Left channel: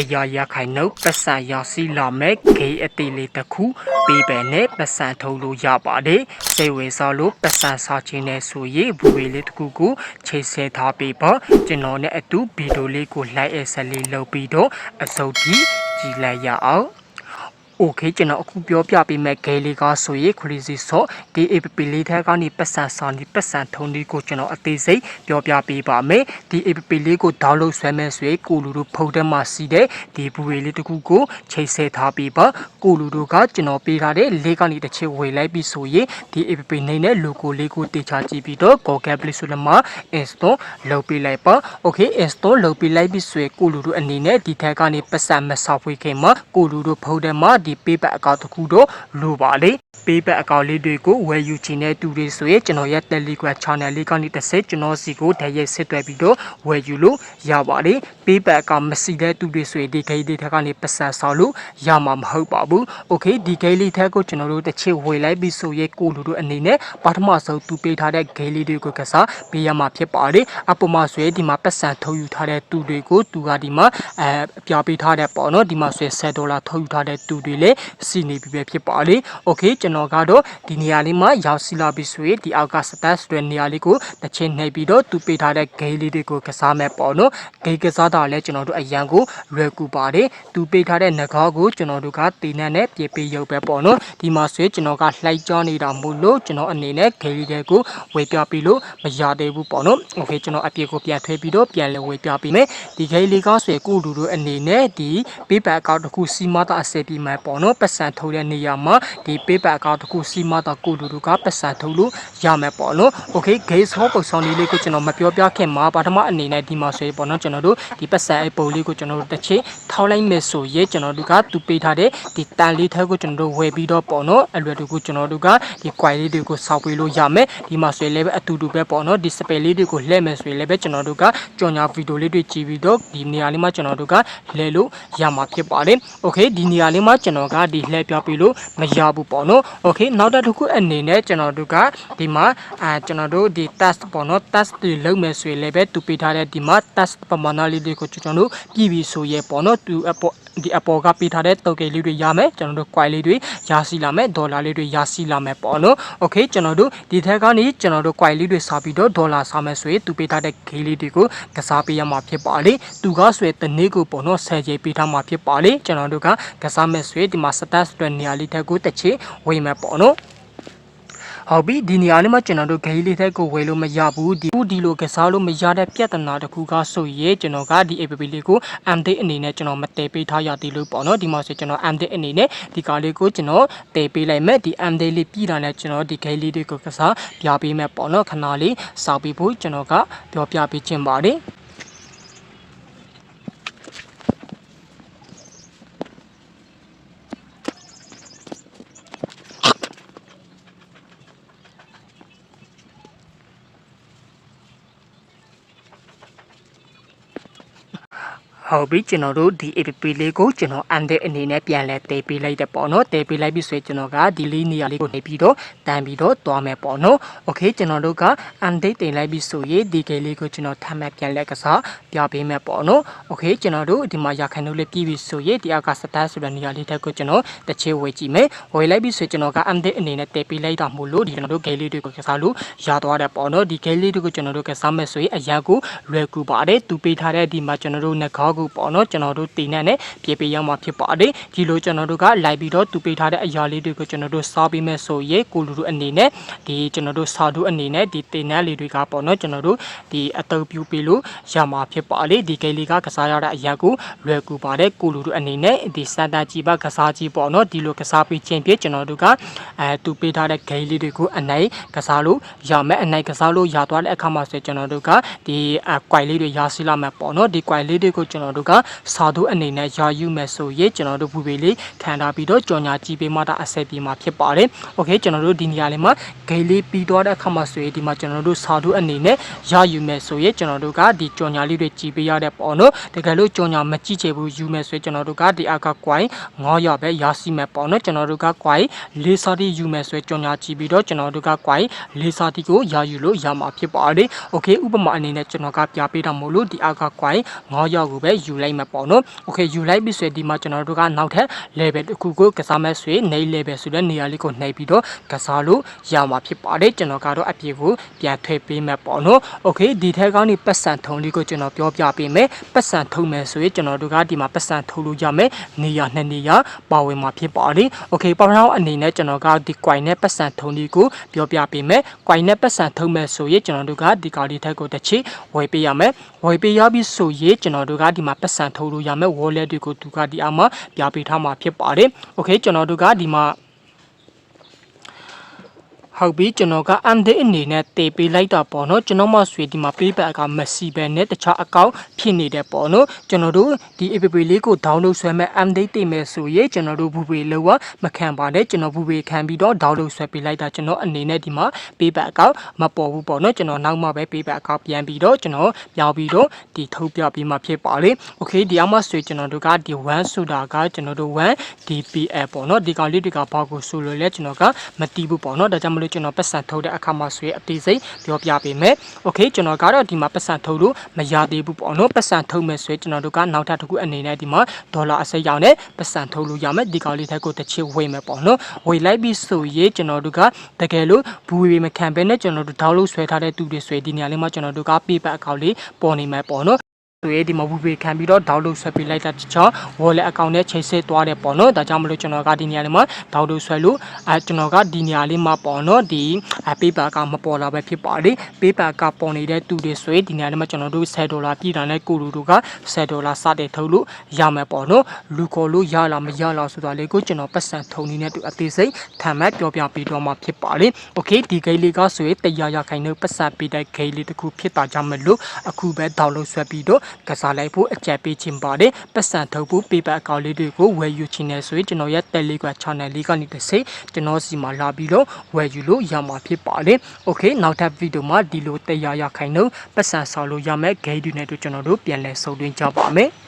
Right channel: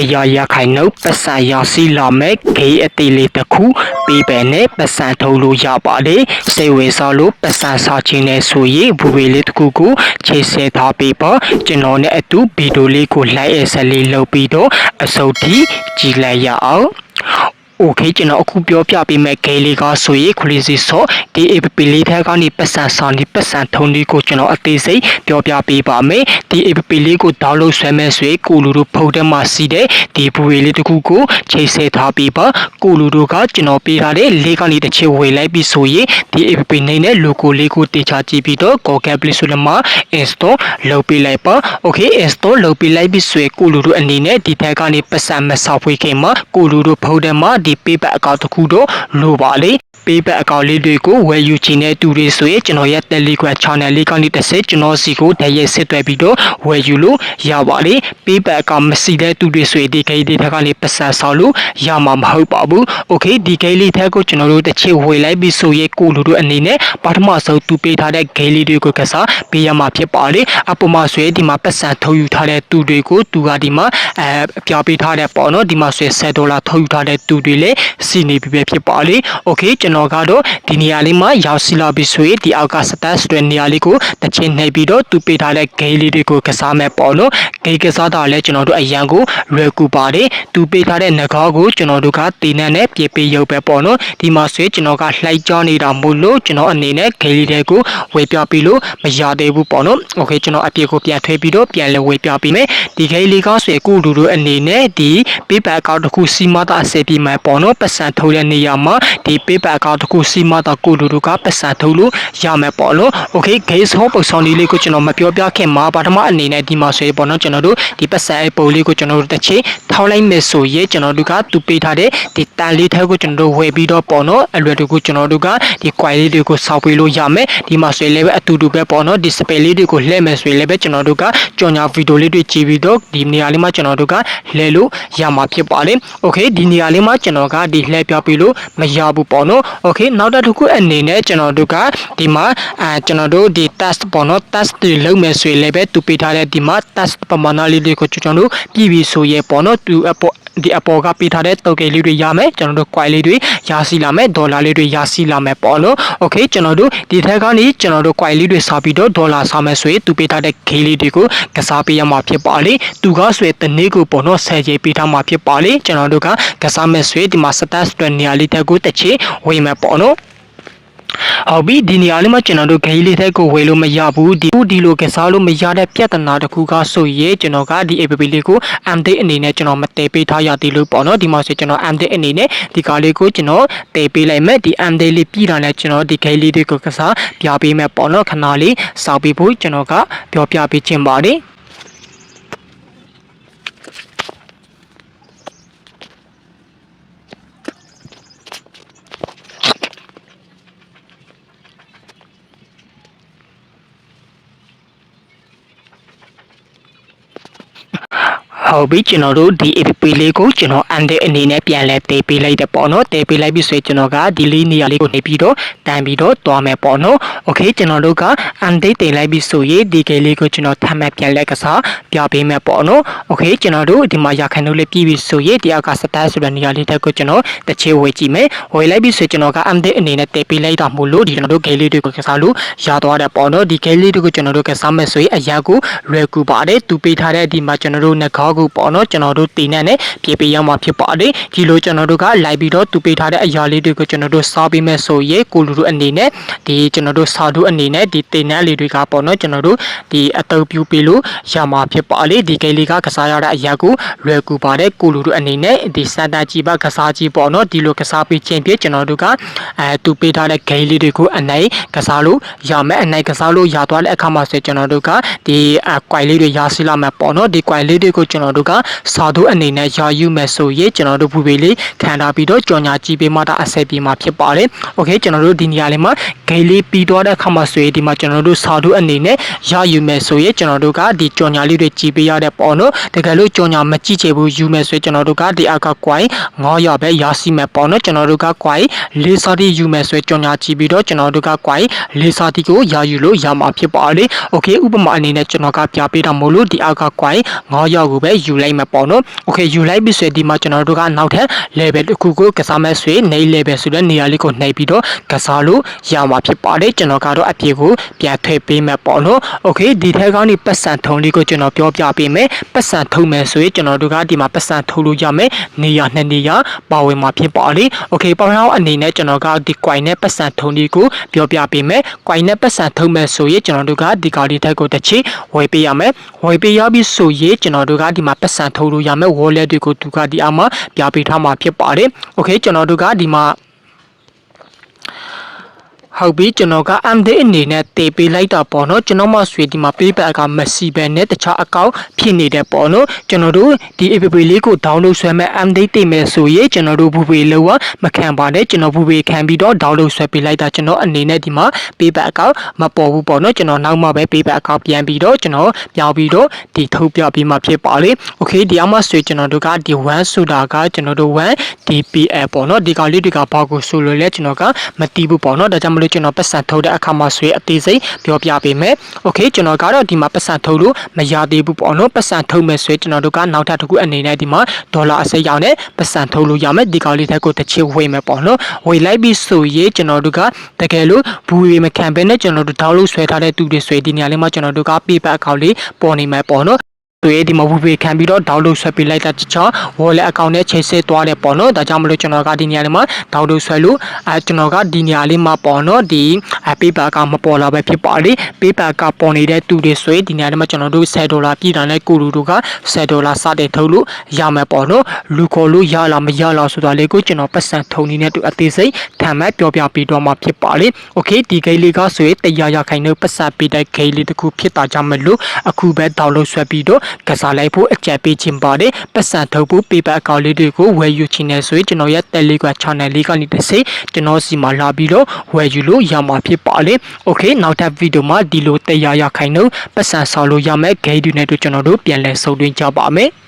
ya khai no pasa ya si la me ge atili takhu pe pe ne pasa thau lo ya pa de sai we sa lo pasa sa chin ne so ye bu we le takhu ko che se tha pe pa chino ne atu video le ko lai e sa le lo pi do asau thi ji lai ya awโอเคကျွန်တော်အခုပြောပြပေးမယ့်ဂိမ်းလေးကဆိုရင် crazy shot ဒီ app လေးထဲကနေပတ်စံဆောင်ဒီပတ်စံထုံးလေးကိုကျွန်တော်အသေးစိတ်ပြောပြပေးပါမယ်ဒီ app လေးကို download ဆွဲမယ်ဆိုရင်ကိုလူတို့ဖုန်းထဲမှာစီးတဲ့ဒီဘူရီလေးတစ်ခုကိုချိန်ဆထားပေးပါကိုလူတို့ကကျွန်တော်ပေးထားတဲ့လေးကနေတစ်ချက်ဝေလိုက်ပြီးဆိုရင်ဒီ app နေနဲ့ logo လေးကိုတေချာကြည့်ပြီးတော့ Google Play Store မှာ install လုပ်ပေးလိုက်ပါ okay install လုပ်ပေးလိုက်ပြီးဆိုရင်ကိုလူတို့အနေနဲ့ဒီထဲကနေပတ်စံမဆောက်ဖွေးခင်မှာကိုလူတို့ဖုန်းထဲမှာဒီ paper account တစ်ခုတော့လိုပါလေpaper account လေးတွေကိုဝယ်ယူချင်တဲ့သူတွေဆိုရင်ကျွန်တော်ရဲ့ Telegram channel လေးကနေတစ်ဆက်ကျွန်တော်စီကိုတရက်စစ်တွဲပြီးတော့ဝယ်ယူလို့ရပါလေ paper account မရှိတဲ့သူတွေဆိုရင်ဒီဂိမ်းလေးထက်ကနေပတ်စံဆောက်လို့ရမှာမဟုတ်ပါဘူး okay ဒီဂိမ်းလေးထက်ကိုကျွန်တော်တို့တစ်ချက်ဝယ်လိုက်ပြီးဆိုရင်ကိုလူတို့အနေနဲ့ပထမဆုံးသူပေးထားတဲ့ဂိမ်းလေးတွေကိုကစားပေးရမှာဖြစ်ပါလေအပေါ်မှာဆိုရင်ဒီမှာပတ်စံထုတ်ယူထားတဲ့သူတွေကိုသူကဒီမှာပြပေးထားတဲ့ပေါ့နော်ဒီမှာဆိုရင်$10ထုတ်ယူထားတဲ့သူတွေလည်းစီနေပြီပဲဖြစ်ပါလေ okay ကျွန်တော်ကတော့ဒီနေရာလေးမှာရောက်စီလာပြီးဆိုရင်ဒီအောက်က stats တွေနေရာလေးကိုတစ်ချင်းနှိပ်ပြီးတော့သူပေးထားတဲ့ game လေးတွေကိုကစားမယ်ပေါ့နော် game ကစားတာလည်းကျွန်တော်တို့အရန်ကိုလွယ်ကူပါတယ်သူပေးထားတဲ့ငကားကိုကျွန်တော်တို့ကတင်းနှံနဲ့ပြေပေးရုပ်ပဲပေါ့နော်ဒီမှာဆိုရင်ကျွန်တော်ကလှိုက်ကြောနေတာမို့လို့ကျွန်တော်အနေနဲ့ game လေးတွေကိုဝေပြပြီးလို့မရသေးဘူးပေါ့နော် okay ကျွန်တော်အပြည့်ကိုပြန်ထွေးပြီးတော့ပြန်လဲဝေပြပြီးမယ်ဒီ game လေးကဆိုရင်ကိုလူတို့အနေနဲ့ဒီ paper account တစ်ခုစီမတာအစပြီးမယ်ပေါ့နော်ပတ်စံထုတ်တဲ့နေရာမှာဒီ paper account တစ်ခုစီမတာကိုလူတို့ကပတ်စံထုတ်လို့ရမယ်ပေါ့နော် okay game ဟောပုံစံလေးကိုကျွန်တော်မပြောပြခင်မှာပထမအနေနဲ့ဒီမှာဆိုရင်ပေါ့နော်ကျွန်တော်တို့ဒီပတ်စံအပုံလေးကိုကျွန်တော်တို့တစ်ချိန်ထောင်းလိုက်မယ်ဆိုရင်ကျွန်တော်တို့ကသူပေးထားတဲ့ဒီတန်လေးထဲကိုကျွန်တော်တို့ဝယ်ပြီးတော့ပေါ့နော်အလွယ်တကူကျွန်တော်တို့ကဒီ coin လေးတွေကိုစောက်ပေးလို့ရမယ်ဒီမှာဆိုရင်လည်းအတူတူပဲပေါ့နော်ဒီ spell လေးတွေကိုလှည့်မယ်ဆိုရင်လည်းကျွန်တော်တို့ကကြော်ညာဗီဒီယိုလေးတွေကြည့်ပြီးတော့ဒီနေရာလေးမှာကျွန်တော်တို့ကလှည့်လို့ရမှာဖြစ်ပါလေ okay ဒီနေရာလေးမှာကျွန်တော်ကဒီလှည့်ပြပေးလို့မရဘူးပေါ့နော် okay နောက်တစ်ခုအနေနဲ့ကျွန်တော်တို့ကဒီမှာကျွန်တော်တို့ဒီ test ပေါ့နော် test တွေလုပ်မယ်ဆိုရင်လည်းပဲသူပေးထားတဲ့ဒီမှာ test ပမာဏလေးတွေကိုကျွန်တော်တို့ပြည်ပြီးဆိုရင်ပေါ့နော်သူဒီအပေါ်ကပေးထားတဲ့token လေးတွေရမယ်ကျွန်တော်တို့ coin လေးတွေရရှိလာမယ်ဒေါ်လာလေးတွေရရှိလာမယ်ပေါ့နော် okay ကျွန်တော်တို့ဒီထက်ကနေကျွန်တော်တို့ coin လေးတွေစားပြီးတော့ဒေါ်လာစားမယ်ဆိုရင်သူပေးထားတဲ့ game လေးတွေကိုကစားပေးရမှာဖြစ်ပါလေသူကဆိုရင်တနေ့ကိုပေါ့နော်10ချိန်ပေးထားမှာဖြစ်ပါလေကျွန်တော်တို့ကကစားမယ်ဆိုရင်ဒီမှာ stats တွေနေရာလေးတက်ကိုတစ်ချိန်ဝေးမယ်ပေါ့နော်ဟုတ်ပြီဒီနေရာလေးမှာကျွန်တော်တို့ဂိမ်းလေးထက်ကိုဝယ်လို့မရဘူးဒီလိုကစားလို့မရတဲ့ပြဿနာတစ်ခုကဆိုရင်ကျွန်တော်ကဒီ app လေးကို update အနေနဲ့ကျွန်တော်မတည်ပေးထားရသေးလို့ပေါ့နော်ဒီမှာဆိုကျွန်တော် update အနေနဲ့ဒီကားလေးကိုကျွန်တော်တည်ပေးလိုက်မယ်ဒီ update လေးပြီးတာနဲ့ကျွန်တော်ဒီဂိမ်းလေးတွေကိုကစားပြပေးမယ်ပေါ့နော်ခဏလေးစောက်ပေးဖို့ကျွန်တော်ကပြောပြပေးခြင်းပါတယ်ဟုတ်ပြီကျွန်တော်တို့ဒီ app လေးကိုကျွန်တော် update အနေနဲ့ပြန်လဲတည်ပေးလိုက်တယ်ပေါ့နော်တည်ပေးလိုက်ပြီဆိုရင်ကျွန်တော်ကဒီလေးနေရာလေးကိုနေပြီးတော့တန်ပြီးတော့တွားမယ်ပေါ့နော် okay ကျွန်တော်တို့က update တင်လိုက်ပြီဆိုရင်ဒီ game လေးကိုကျွန်တော်ထပ်မံပြန်လဲကစားပြပေးမယ်ပေါ့နော် okay ကျွန်တော်တို့ဒီမှာရခိုင်တို့လေးပြီးပြီဆိုရင်ဒီအောက်က stat ဆိုတဲ့နေရာလေးတက်ကိုကျွန်တော်တစ်ချေဝေကြည့်မယ်ဝေလိုက်ပြီဆိုရင်ကျွန်တော်က update အနေနဲ့တည်ပေးလိုက်တာမို့လို့ဒီကျွန်တော်တို့ game လေးတွေကိုကစားလို့ရသွားတယ်ပေါ့နော်ဒီ game လေးတွေကိုကျွန်တော်တို့ကစားမယ်ဆိုရင်အရာကိုလွယ်ကူပါတယ်သူပေးထားတဲ့ဒီမှာကျွန်တော်တို့ငကားကိုပေါ့နော်ကျွန်တော်တို့တင်နဲ့ပြေးပေးရမှာဖြစ်ပါတယ်ဒီလိုကျွန်တော်တို့ကလိုက်ပြီးတော့သူပေးထားတဲ့အရာလေးတွေကိုကျွန်တော်တို့စားပေးမယ်ဆိုရင်ကိုလူတို့အနေနဲ့ဒီကျွန်တော်တို့စာတို့အနေနဲ့ဒီတင်နဲ့လေးတွေကပေါ့နော်ကျွန်တော်တို့ဒီအတုပ်ပြူပေးလို့ရမှာဖြစ်ပါလေဒီကိလေးကကစားရတဲ့အရာကိုလွယ်ကူပါတယ်ကိုလူတို့အနေနဲ့ဒီစတာကြီးပါကစားကြီးပေါ့နော်ဒီလိုကစားပေးခြင်းဖြင့်ကျွန်တော်တို့ကသူပေးထားတဲ့ဂိမ်းလေးတွေကိုအနိုင်ကစားလို့ရမယ်အနိုင်ကစားလို့ရသွားတဲ့အခါမှာဆိုကျွန်တော်တို့ကဒီကွိုင်လေးတွေရရှိလာမှာပေါ့နော်ဒီကွိုင်လေးတွေကိုကျွန်တော်တို့ကစာတို့အနေနဲ့ရယူမယ်ဆိုရင်ကျွန်တော်တို့ဘူပေလေးခံထားပြီးတော့ကြော်ညာကြည့်ပေးမှတာအဆက်ပြေမှာဖြစ်ပါတယ်။ Okay ကျွန်တော်တို့ဒီနေရာလေးမှာဂိမ်းလေးပြီးတော့တဲ့အခါမှာဆိုရင်ဒီမှာကျွန်တော်တို့စာတို့အနေနဲ့ရယူမယ်ဆိုရင်ကျွန်တော်တို့ကဒီကြော်ညာလေးတွေကြည့်ပေးရတဲ့ပေါ့နော်တကယ်လို့ကြော်ညာမကြည့်ချင်ဘူးယူမယ်ဆိုရင်ကျွန်တော်တို့ကဒီအောက်ကကွိုင်900ပဲရရှိမယ်ပေါ့နော်ကျွန်တော်တို့ကကွိုင်လေးစာတီယူမယ်ဆိုရင်ကြော်ညာကြည့်ပြီးတော့ကျွန်တော်တို့ကကွိုင်လေးစာတီကိုရယူလို့ရမှာဖြစ်ပါတယ်။ Okay ဥပမာအနေနဲ့ကျွန်တော်ကပြပေးတာမို့လို့ဒီအောက်ကကွိုင်900ကိုပဲ ယူလိုက်မှာပေါ့နော်โอเคယူလိုက်ပြီဆိုဒီမှာကျွန်တော်တို့ကနောက်ထပ် level တစ်ခုကိုကစားမဲ့ဆိုရင် နေ level ဆိုတဲ့နေရာလေးကိုနှိပ်ပြီးတော့ကစားလို့ရမှာဖြစ်ပါတယ်ကျွန်တော်ကတော့အပြေကိုပြန်ထည့်ပေးမယ်ပေါ့နော်โอเคဒီထက်ကနေပတ်စံထုံလေးကိုကျွန်တော်ပြောပြပေးမယ်ပတ်စံထုံမယ်ဆိုရင်ကျွန်တော်တို့ကဒီမှာပတ်စံထုံလို့ရမယ်နေရာနှစ်နေရာပါဝင်မှာဖြစ်ပါတယ်โอเคပေါင်းအောင်အနေနဲ့ကျွန်တော်ကဒီ coin နဲ့ပတ်စံထုံလေးကိုပြောပြပေးမယ် coin နဲ့ပတ်စံထုံမယ်ဆိုရင်ကျွန်တော်တို့ကဒီကားလေးထက်ကိုတစ်ချီဝယ်ပေးရမယ်ဝယ်ပေးရပြီးဆိုရင်ကျွန်တော်တို့ကဒီမှာပတ်စံထုံလို့ရမယ် wallet တွေကိုသူကဒီအမှာပြပေးထားမှာဖြစ်ပါတယ်โอเคကျွန်တော်တို့ကဒီမှာဟုတ်ပြီကျွန်တော်က MD အနေနဲ့တေးပေးလိုက်တာပေါ့နော်ကျွန်တော်မှဆွေဒီမှာ payback ကမရှိပဲနဲ့တခြားအကောင့်ဖြစ်နေတဲ့ပေါ့နော်ကျွန်တော်တို့ဒီ app လေးကို download ဆွဲမဲ့ MD တေးမယ်ဆိုရင်ကျွန်တော်တို့ဘူပေလောမခံပါနဲ့ကျွန်တော်ဘူပေခံပြီးတော့ download ဆွဲပေးလိုက်တာကျွန်တော်အနေနဲ့ဒီမှာ payback အကောင့်မပေါ်ဘူးပေါ့နော်ကျွန်တော်နောက်မှပဲ payback အကောင့်ပြန်ပြီးတော့ကျွန်တော်ပြောင်းပြီးတော့ဒီထုတ်ပြပြီးမှဖြစ်ပါလေ okay ဒီအမှဆွေကျွန်တော်တို့ကဒီ1ဆိုတာကကျွန်တော်တို့1 DPL ပေါ့နော်ဒီကောင်လေးတွေကဘာကိုဆိုလို့လဲကျွန်တော်ကမသိဘူးပေါ့နော်ဒါကြောင့်မလို့ကျွန်တော်ပတ်စံထုတ်တဲ့အခါမှာဆွေအသေးစိတ်ပြောပြပေးမယ်။ Okay ကျွန်တော်ကတော့ဒီမှာပတ်စံထုတ်လို့မရသေးဘူးပေါ့နော်ပတ်စံထုတ်မယ်ဆွေကျွန်တော်တို့ကနောက်ထပ်တစ်ခုအနေနဲ့ဒီမှာဒေါ်လာအစိမ်းရောင်းနဲ့ပတ်စံထုတ်လို့ရမယ်ဒီကောင်လေးထက်ကိုတစ်ချစ်ဝေးမယ်ပေါ့နော်ဝေးလိုက်ပြီးဆိုရင်ကျွန်တော်တို့ကတကယ်လို့ဘူးရီမခံဘဲနဲ့ကျွန်တော်တို့ဒေါက်လို့ဆွဲထားတဲ့သူတွေဆွေဒီနေရာလေးမှာကျွန်တော်တို့က payback account လေးပေါ်နေမှာပေါ့နော်တွေဒီမှာဝူပေခံပြီးတော့ download ဆွဲပေးလိုက်တာတခြား wallet account နဲ့ချိန်ဆသွားတယ်ပေါ့နော်ဒါကြောင့်မလို့ကျွန်တော်ကဒီနေရာလေးမှာ download ဆွဲလို့ကျွန်တော်ကဒီနေရာလေးမှာပေါ့နော်ဒီ paper ကမပေါ်လာပဲဖြစ်ပါလေ paper ကပေါ်နေတဲ့သူတွေဆိုရင်ဒီနေရာလေးမှာကျွန်တော်တို့$10ပြည်တာနဲ့ကိုလူတို့က$10စတဲ့ထုတ်လို့ရမယ်ပေါ့နော်လူခေါ်လို့ရလားမရလားဆိုတာလေးကိုကျွန်တော်ပတ်စံထုံနေနဲ့တူအသေးစိတ်ထမ်းမဲ့ပြောပြပေးတော့မှာဖြစ်ပါလေ okay ဒီ game လေးကဆိုရင်100%ပတ်စံပေးတဲ့ game လေးတစ်ခုဖြစ်တာကြောင့်မလို့အခုပဲ download ဆွဲပြီးတော့ကစားလိုက်ဖို့အကြံပေးခြင်းပါတယ်ပတ်စံထုတ်ဖို့ paper account လေးတွေကိုဝယ်ယူချင်နေဆိုရင်ကျွန်တော်ရဲ့ Telegram channel လေးကနေတစ်စိကျွန်တော်စီမှာလာပြီးတော့ဝယ်ယူလို့ရမှာဖြစ်ပါလေ okay နောက်ထပ်ဗီဒီယိုမှာဒီလို100%ပတ်စံဆောင်လို့ရမယ် game တွေနဲ့တို့ကျွန်တော်တို့ပြန်လည်ဆုံတွင်းကြပါမယ်